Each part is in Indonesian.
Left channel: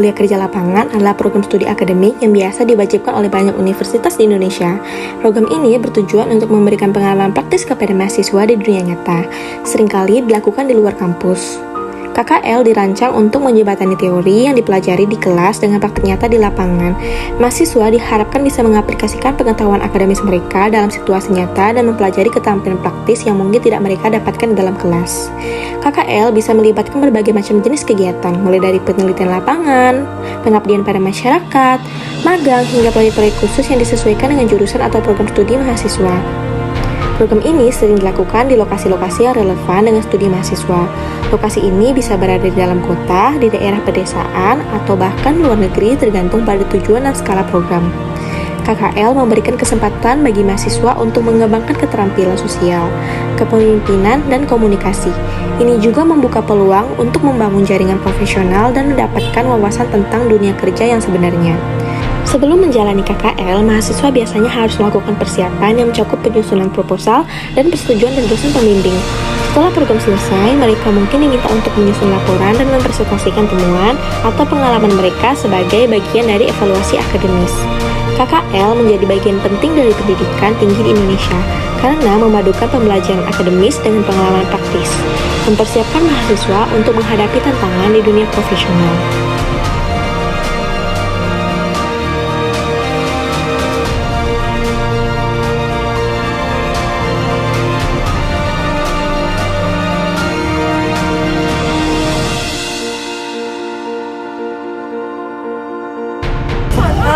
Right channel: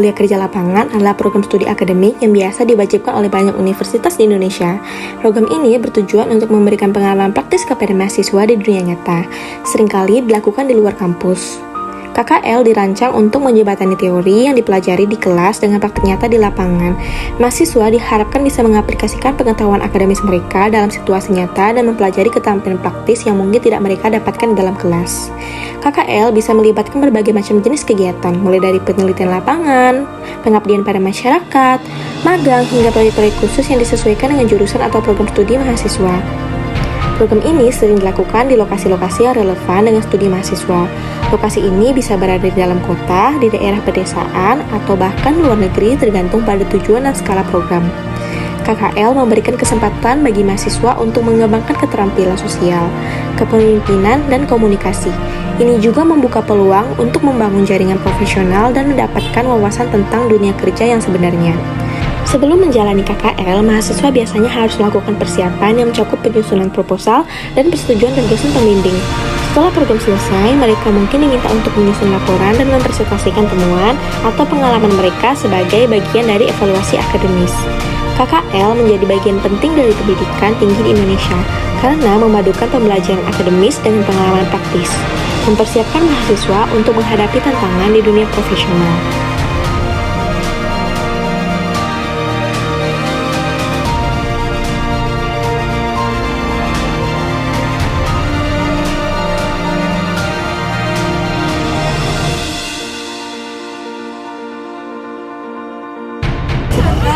Kuliah Kerja Lapangan adalah program studi akademik yang biasa diwajibkan oleh banyak universitas di Indonesia. Program ini bertujuan untuk memberikan pengalaman praktis kepada mahasiswa di dunia nyata, seringkali dilakukan di luar kampus. KKL dirancang untuk menjembatani teori yang dipelajari di kelas dengan praktik nyata di lapangan. Mahasiswa diharapkan bisa mengaplikasikan pengetahuan akademis mereka dalam situasi nyata dan mempelajari keterampilan praktis yang mungkin tidak mereka dapatkan di dalam kelas. KKL bisa melibatkan berbagai macam jenis kegiatan, mulai dari penelitian lapangan, pengabdian pada masyarakat, magang, hingga proyek-proyek khusus yang disesuaikan dengan jurusan atau program studi mahasiswa. Program ini sering dilakukan di lokasi-lokasi yang relevan dengan studi mahasiswa. Lokasi ini bisa berada di dalam kota, di daerah pedesaan, atau bahkan luar negeri tergantung pada tujuan dan skala program. KKL memberikan kesempatan bagi mahasiswa untuk mengembangkan keterampilan sosial, kepemimpinan, dan komunikasi. Ini juga membuka peluang untuk membangun jaringan profesional dan mendapatkan wawasan tentang dunia kerja yang sebenarnya. Sebelum menjalani KKL, mahasiswa biasanya harus melakukan persiapan yang mencakup penyusunan proposal dan persetujuan dari dosen pembimbing. Setelah program selesai, mereka mungkin diminta untuk menyusun laporan dan mempresentasikan temuan atau pengalaman mereka sebagai bagian dari evaluasi akademis. KKL menjadi bagian penting dari pendidikan tinggi di Indonesia karena memadukan pembelajaran akademis dengan pengalaman praktis, mempersiapkan mahasiswa untuk menghadapi tantangan di dunia profesional.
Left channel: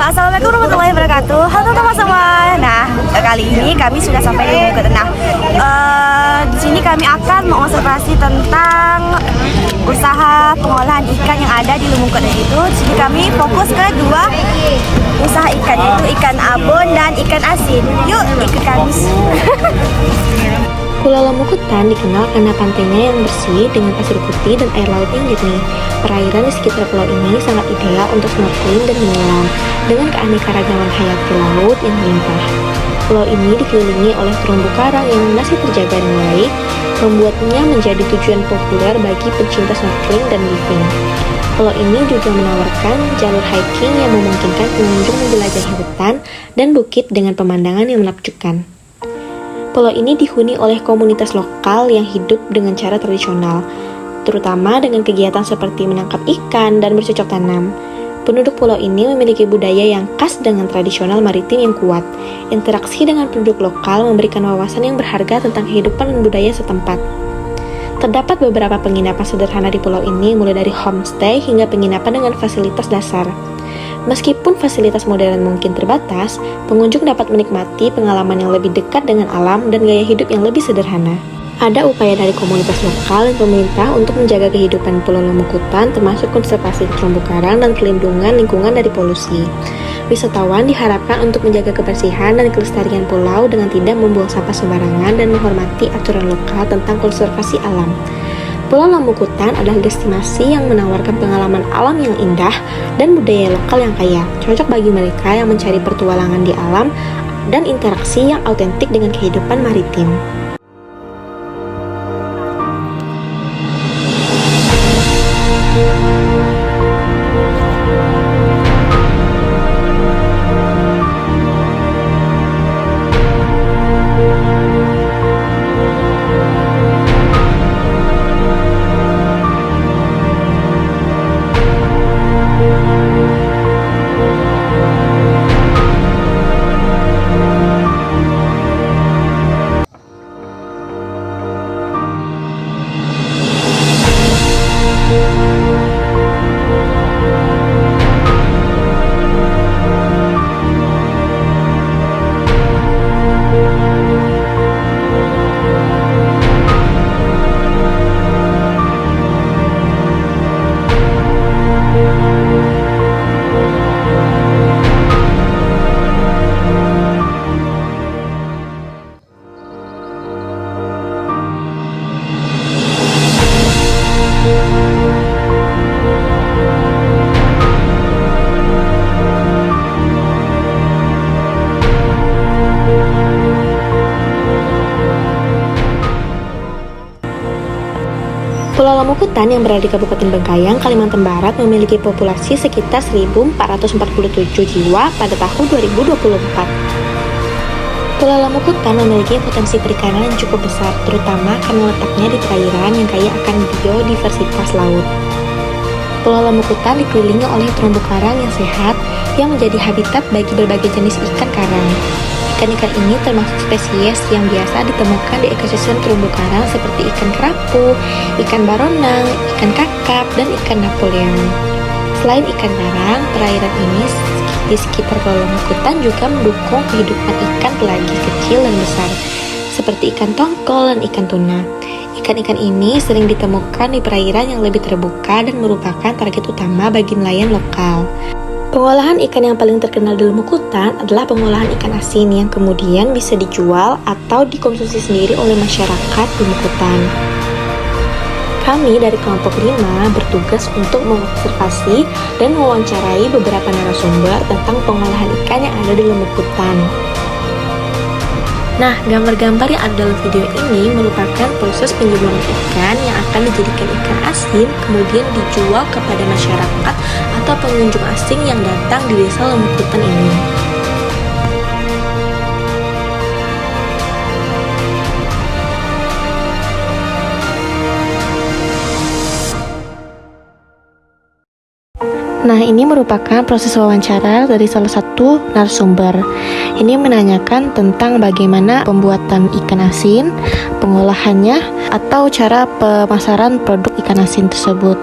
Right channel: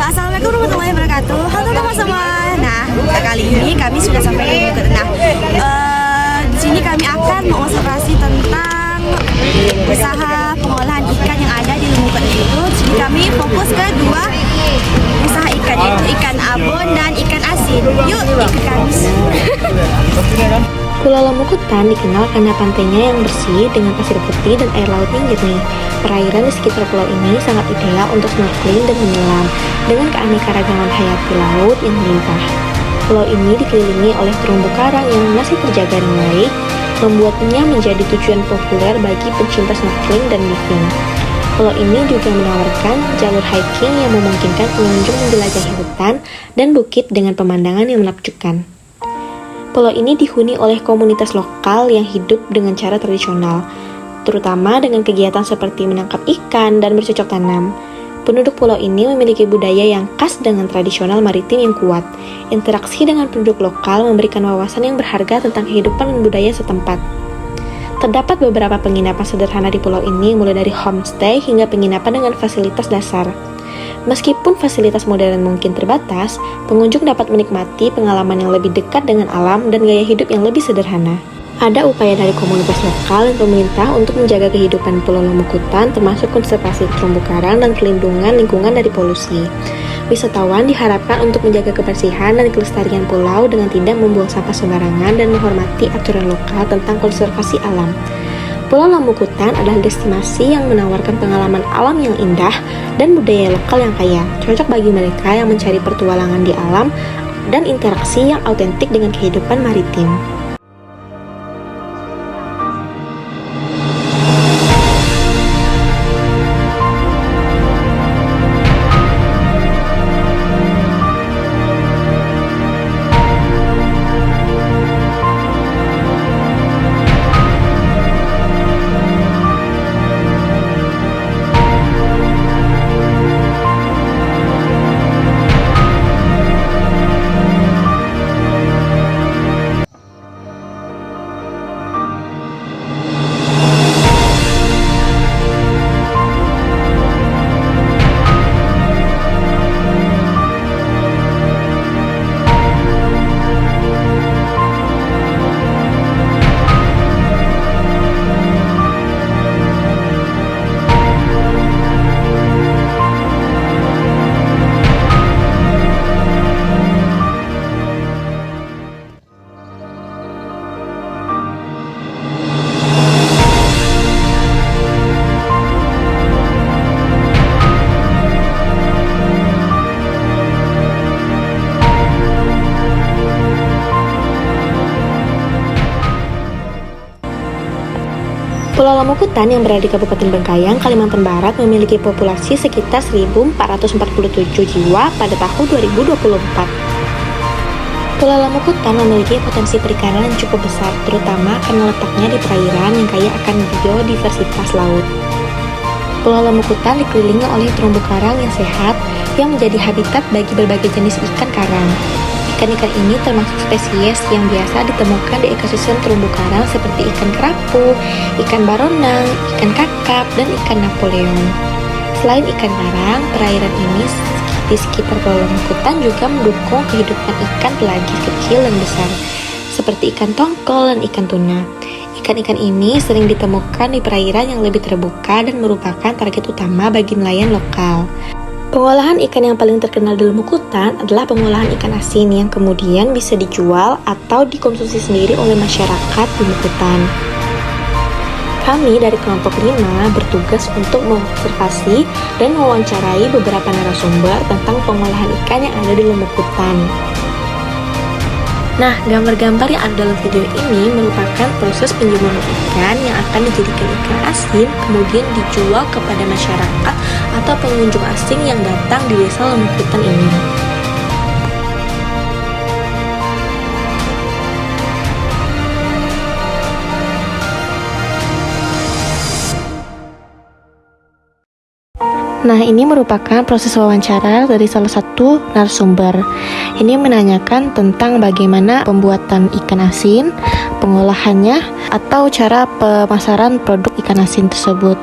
Assalamualaikum warahmatullahi wabarakatuh. Halo teman-teman. Nah, kali ini kami sudah sampai di Lumuk Kota. Di sini kami akan mengobservasi tentang usaha pengolahan ikan yang ada di Lumuk Kota itu. Jadi kami fokus ke dua usaha ikan, yaitu ikan abon dan ikan asin. Yuk, ikut kami. Pulau Lomukutan dikenal karena pantainya yang bersih dengan pasir putih dan air laut yang jernih. Perairan di sekitar pulau ini sangat ideal untuk snorkeling dan menyelam dengan keanekaragaman hayati laut yang melimpah. Pulau ini dikelilingi oleh terumbu karang yang masih terjaga dengan baik, membuatnya menjadi tujuan populer bagi pencinta snorkeling dan diving. Pulau ini juga menawarkan jalur hiking yang memungkinkan pengunjung menjelajahi hutan dan bukit dengan pemandangan yang menakjubkan. Pulau ini dihuni oleh komunitas lokal yang hidup dengan cara tradisional, terutama dengan kegiatan seperti menangkap ikan dan bercocok tanam. Penduduk pulau ini memiliki budaya yang khas dengan tradisional maritim yang kuat. Interaksi dengan penduduk lokal memberikan wawasan yang berharga tentang kehidupan dan budaya setempat. Terdapat beberapa penginapan sederhana di pulau ini, mulai dari homestay hingga penginapan dengan fasilitas dasar. Meskipun fasilitas modern mungkin terbatas, pengunjung dapat menikmati pengalaman yang lebih dekat dengan alam dan gaya hidup yang lebih sederhana. Ada upaya dari komunitas lokal dan pemerintah untuk menjaga kehidupan Pulau Lomukutan, termasuk konservasi terumbu karang dan perlindungan lingkungan dari polusi. Wisatawan diharapkan untuk menjaga kebersihan dan kelestarian pulau dengan tidak membuang sampah sembarangan dan menghormati aturan lokal tentang konservasi alam. Pulau Lomukutan adalah destinasi yang menawarkan pengalaman alam yang indah dan budaya lokal yang kaya, cocok bagi mereka yang mencari pertualangan di alam dan interaksi yang autentik dengan kehidupan maritim. Pulau Lamukutan yang berada di Kabupaten Bengkayang, Kalimantan Barat memiliki populasi sekitar 1.447 jiwa pada tahun 2024. Pulau Lamukutan memiliki potensi perikanan yang cukup besar, terutama karena letaknya di perairan yang kaya akan biodiversitas laut. Pulau Lamukutan dikelilingi oleh terumbu karang yang sehat yang menjadi habitat bagi berbagai jenis ikan karang. Ikan-ikan ini termasuk spesies yang biasa ditemukan di ekosistem terumbu karang seperti ikan kerapu, ikan baronang, ikan kakap, dan ikan Napoleon. Selain ikan karang, perairan ini di sekitar Pulau Lamukutan juga mendukung kehidupan ikan pelagis kecil dan besar, seperti ikan tongkol dan ikan tuna. Ikan-ikan ini sering ditemukan di perairan yang lebih terbuka dan merupakan target utama bagi nelayan lokal. Pengolahan ikan yang paling terkenal di Lamukutan adalah pengolahan ikan asin yang kemudian bisa dijual atau dikonsumsi sendiri oleh masyarakat Lamukutan. Kami dari kelompok 5 bertugas untuk mengobservasi dan mewawancarai beberapa narasumber tentang pengolahan ikan yang ada di Lamukutan. Nah, gambar-gambar yang ada dalam video ini merupakan proses penjemuran ikan yang akan dijadikan ikan asin, kemudian dijual kepada masyarakat atau pengunjung asing yang datang di desa Lamukutan ini. Nah, ini merupakan proses wawancara dari salah satu narasumber. Ini menanyakan tentang bagaimana pembuatan ikan asin, pengolahannya, atau cara pemasaran produk ikan asin tersebut.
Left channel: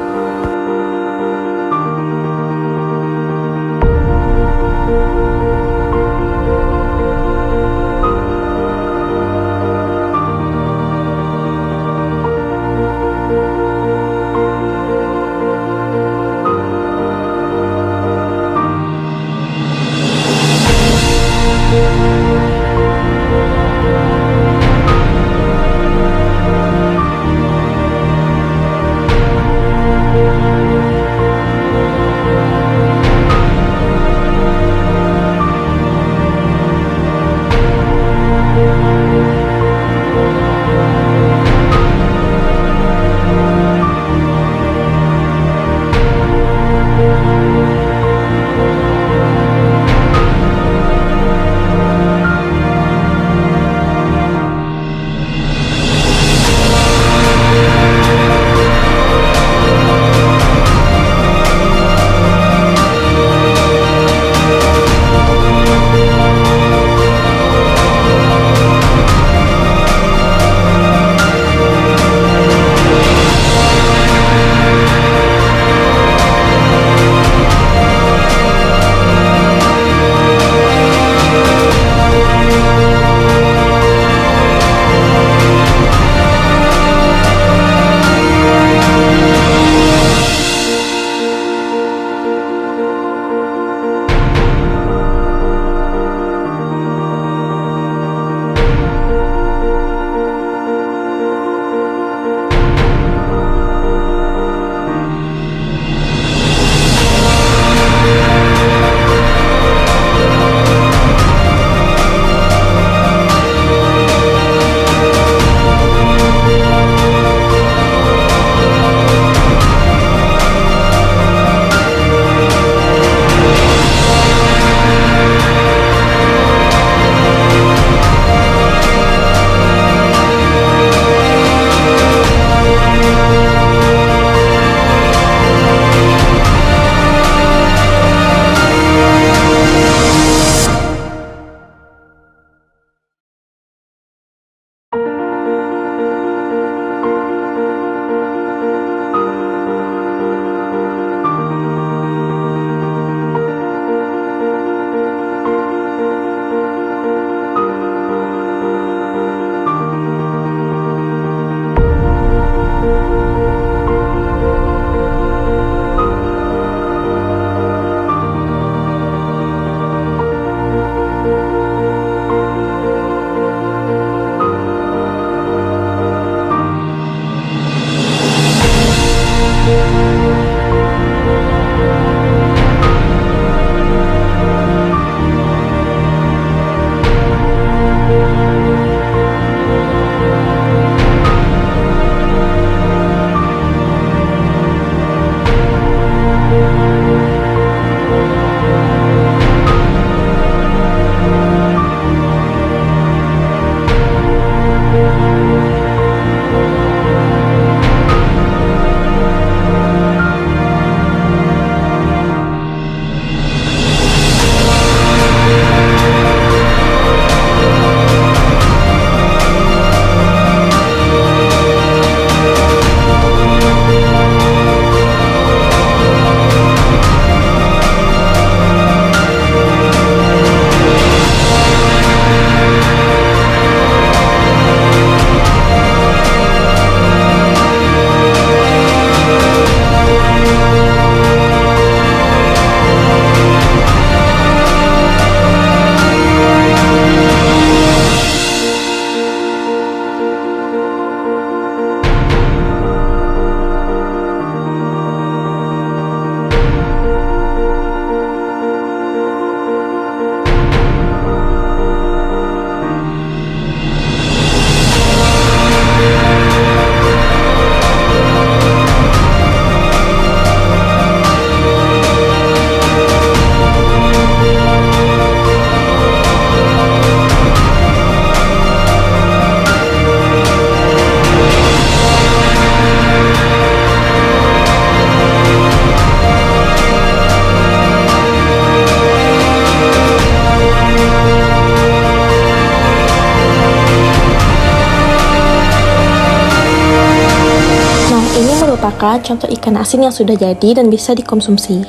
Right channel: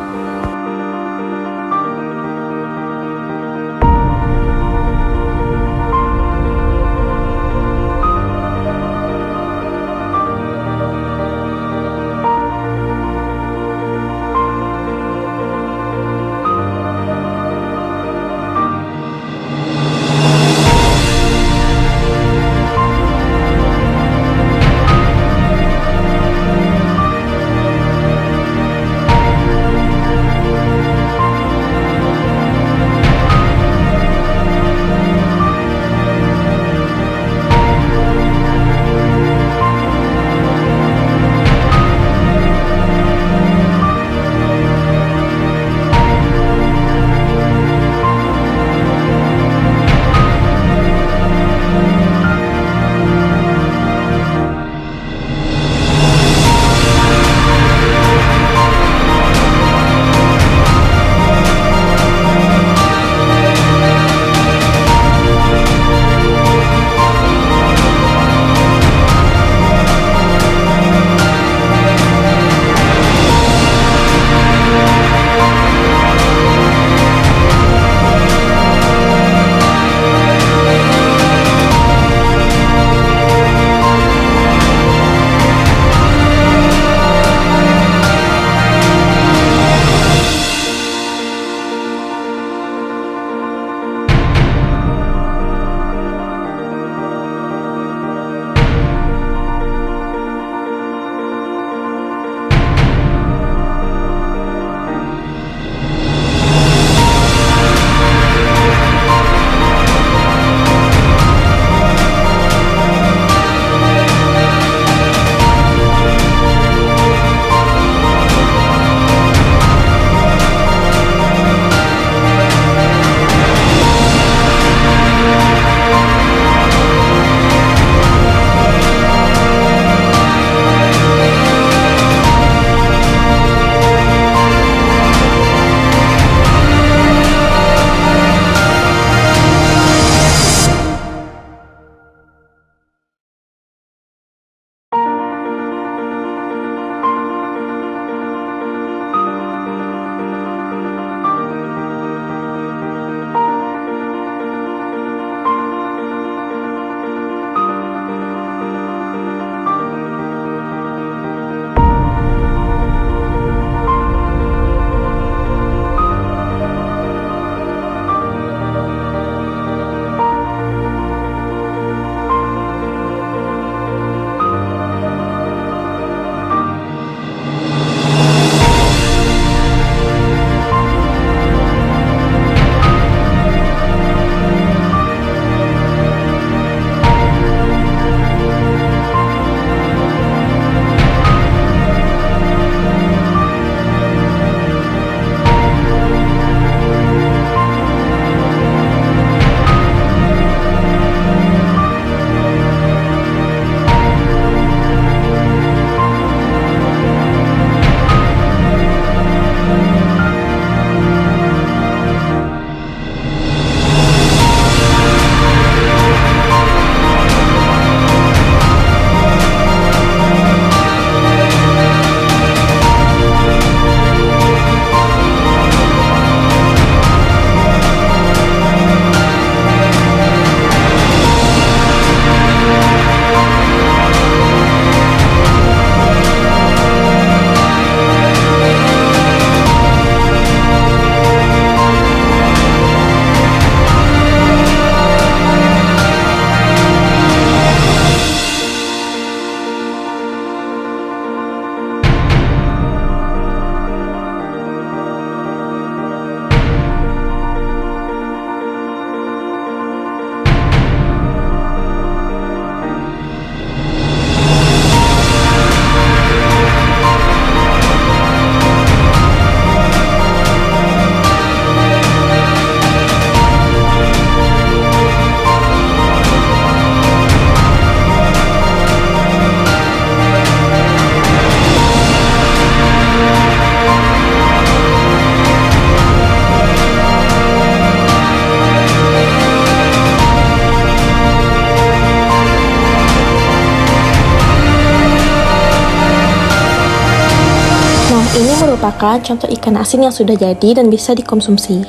Ini merupakan contoh ikan asin yang sudah jadi dan bisa dikonsumsi.